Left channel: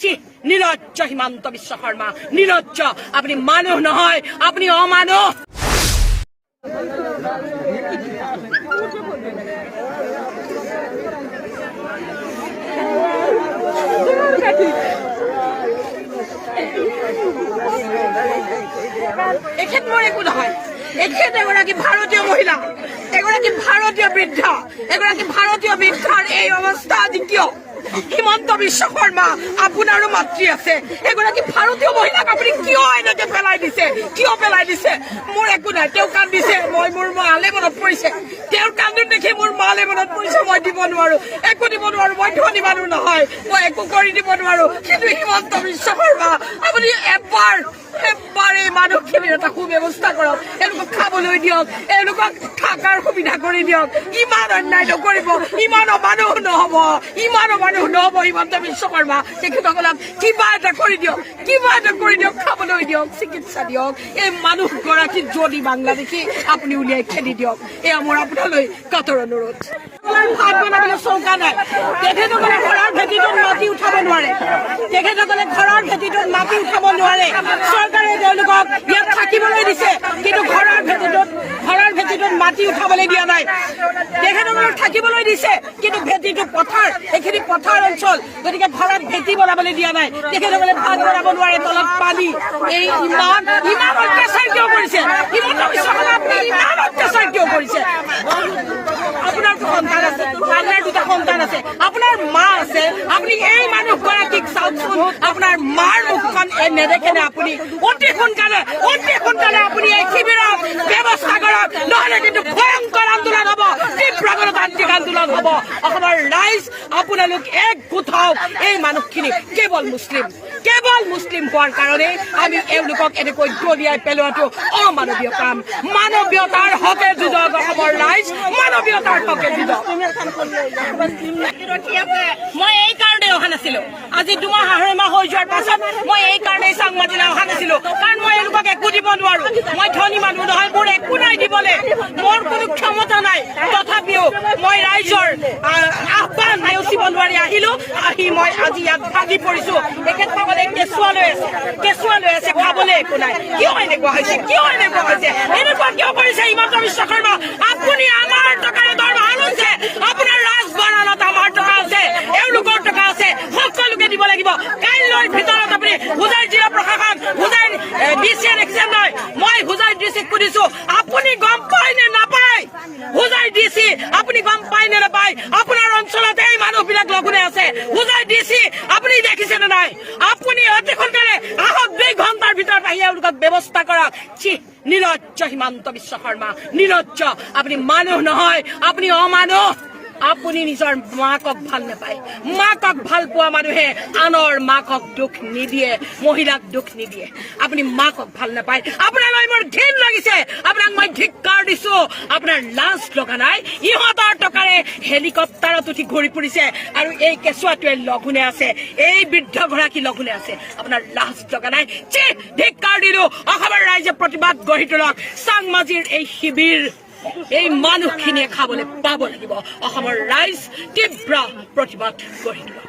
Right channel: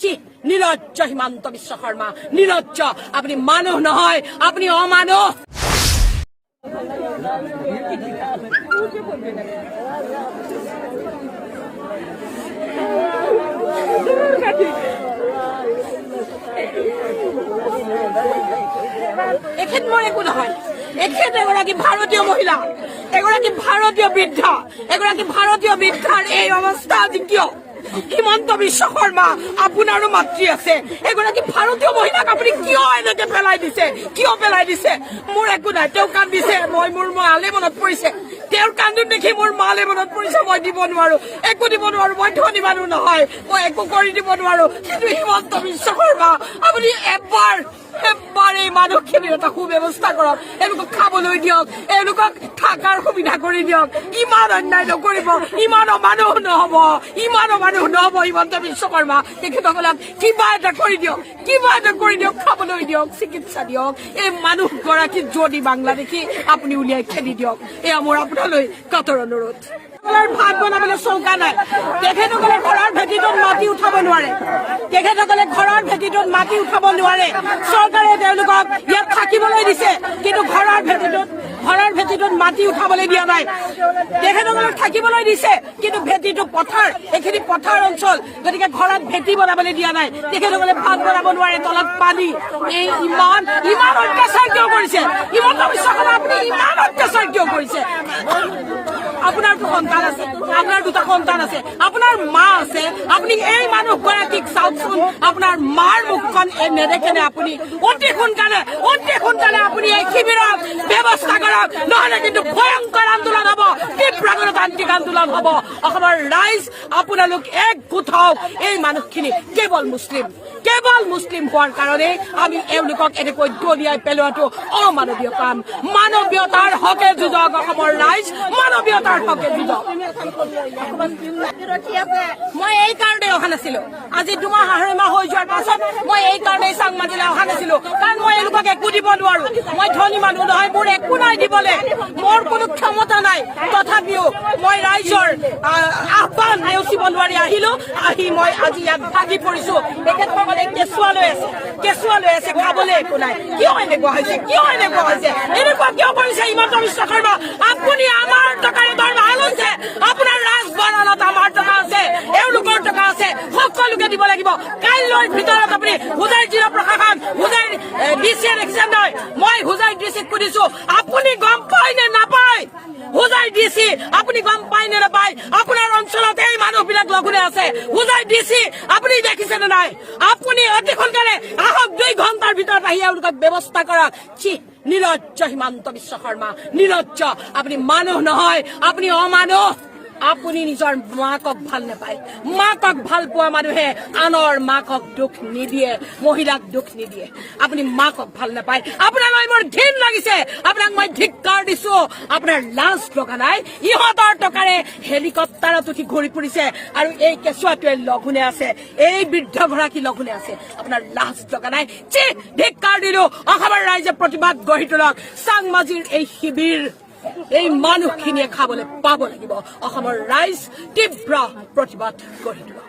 নিলজ্জ হিমন্ত বিশ্ব শৰ্মা, নিলজ্জ। আপুনি মানুহ নহয়, আপুনি অমানুহ। এখেত মোৰ একো নহয়, এখেত এগৰাকী ভাৰতীয় মহিলা, এগৰাকী ভাৰতীয় বৃদ্ধা, এগৰাকী ভাৰতীয় বৃদ্ধাৰ এই অৱস্থা আজি কিয়? হিমন্ত বিশ্ব শৰ্মা, আপোনাৰো মাতৃ আছে, এগৰাকী ভাৰতীয় মহিলাক আপুনি কিয় এনেকে পেলাই দিছে? কিয় পেলাই দিছে? মোৰ একো নাই, তেওঁ কান্দিছে, মোৰ মালে মনত পৰিছে, তেওঁৰ কান্দোন দেখি মোৰ মালে মনত পৰিছে। মই দিব নোৱাৰো, একো দিব নোৱাৰো, মই ধনী মানুহ নহয়, মই একো কৰি দিব নোৱাৰো। কিন্তু হিমন্ত বিশ্ব শৰ্মা, আপুনি এবাৰ এই মানুহখিনিৰ এটা সুব্যৱস্থা কৰক, এওঁলোকক খাবলৈ দিয়ক, এওঁলোকক থকাৰ সুবিধা কৰি দিয়ক। ইমান অন্যায় নকৰিব, ইমান অমানুহ নহব, ইমান অমানুহ নহব। হিমন্ত বিশ্ব শৰ্মা, তেখেতসকলক কিবা এটা কৰি দিয়ক, কিবা এটা কৰি দিয়ক, খাবলৈ দিয়ক, চিকিৎসা দিয়ক। এই মানুহগৰাকী যদি বাংলাদেশী আপুনি উলিয়াই খেদি দিয়ক, এয়া মোৰ আপোনালৈ কাতৰ অনুৰোধ। ভাত বনাবলৈ চৌকা নাই, তেখেতসকলে ঘৰৰ ভেটিটোত মাটি উঠাব নোৱাৰে, তেখেতসকলে ঘৰৰ ভেটিটোত মাটি উঠাব নোৱাৰে। চৰকাৰে তেওঁলোকক ইয়াত থাকিবলৈ দিছে, কিন্তু ঘৰৰ ভেটিটোত মাটি উঠাবলৈ দিয়া নাই। তেখেতসকলক থাকিবলৈ দিছে, কিন্তু ভেটিটো পথাৰ, এইখিনি পথাৰ অঞ্চল, গতিকে ঘৰত ভেটি বনাবলৈ দিয়া নাই। তেখেতসকলে ভাত বনাব নোৱাৰে, তলত পানী। এই ইমান অত্যাচাৰ কিয় কৰিছে? হিমন্ত বিশ্ব শৰ্মা, আপুনি ইমান অত্যাচাৰ কিয় কৰিছে? আপোনাৰ সন্তান আছে, আপোনাৰ দুটা সন্তান আছে, আপোনাৰ মা আছে, আপুনি এই মানুহগৰাকীক চাওকচোন, আপোনাৰ মাৰ মুখখন নেদেখেনে? আপুনি অতি সোনকালে আপুনি এই শিবিৰৰ ব্যৱস্থা কৰক, নহলে কিন্তু ভয়ংকৰ আন্দোলন হব, তীব্ৰ গণতান্ত্ৰিক আন্দোলন হব। অসমৰ ৰাইজ আপোনালোক একগোট হওক। এই মানুহখিনি কেৱল মুছলিম হোৱাৰ কাৰণে আমি এওঁলোকক এনেকৈ দলিয়াই পেলোৱাটো অমানৱীয় কাম। মানৱীয়তাৰ হকে যুঁজক অসমৰ ৰাইজ, মানৱীয়তাৰ হকে যুঁজক। মই এই কাৰণে অহা নাছিলো, আজি 2 মাহ 2.5 মাহ হৈ যোৱাৰ পাছত মই এই কাৰণেই চাংমাজিলৈ অহা নাছিলো, কাৰণ মই এওঁলোকক একো দিব নোৱাৰো। মই ধনী মানুহ নহয়, মোৰ একো নাই দিবলৈ, মোৰ কোনো ক্ষমতা নাই। তথাপিও মই ৰাইজৰ আহ্বান নেওচিব নোৱাৰি আহিলো, মই আজি ইয়াত ভাগি পৰিছো। তেখেতসকলে কেঁচুৱা লৈ আছে, খাবলৈ একো নাই। কিয় এনেকুৱা হৈছে? এনেকুৱা কিয় কৰিছে হিমন্ত বিশ্ব শৰ্মা? আপুনি আমাৰ টকাৰে দৰমহা লৈছে, আপোনাৰ ৰাজভৰণত আমাৰ টকা আছে, এওঁলোকৰ টকা আছে, সকলোকে দিব লাগিব। কাইলৈৰ ভিতৰত আপুনি হোজাই জিলা প্ৰশাসন, হোজাই ডিচিয়ে দেখিছে নহয়, মই হোজাই ডিচিক সুধিছো, আপুনি গম পায় নে নাপায়? হোজাই ডিচি আপুনি গম পায় নে নাপায়? আপোনাৰ অঞ্চলত এই মানুহবিলাক লঘোনে আছে। হোজাই ডিচি আপুনি দেখিছে নে নাই? আপুনি অতি সোনকালে আহক, 2 ঘণ্টাৰ ভিতৰত আহি এওঁলোকক ব্যৱস্থা কৰক। নিলজ্জ হিমন্ত বিশ্ব শৰ্মা, নিলজ্জ। আপুনি মানুহ নহয়, আপুনি অমানুহ। আপুনি নিজৰ মাকক ভাল নাপায়। মাকক ভাল পোৱা মানুহে আনৰ মাকক দুখ নিদিয়ে, মহিলাক দুখ নিদিয়ে। আপুনি মাকক ভাল নাপায়। আপোনালৈ মোৰ ঘিণ লাগিছে, আপোনাক মই ধিক্কাৰ দিছো। আপোনাৰ লাজ লগা নাই? ইহঁতৰ টকাৰে হেলিকপ্টাৰত উঠি ঘূৰি ফুৰিছে, আৰু এই কেঁচুৱাটোৱে লঘোনে আছে, এই বৃদ্ধগৰাকী লঘোনে আছে। আপোনাৰ লাজ লগা নাই? ধিক্কাৰ দিলো। অসমৰ ৰাইজে প্ৰতিবাদ গঢ়ি তোলক। চাংমাজিৰ এই শিবিৰ এই মানুহখিনিয়ে খাবলৈ পাব লাগিব। অসমৰ ৰাইজ তীব্ৰ প্ৰতিবাদ গঢ়ি তোলক।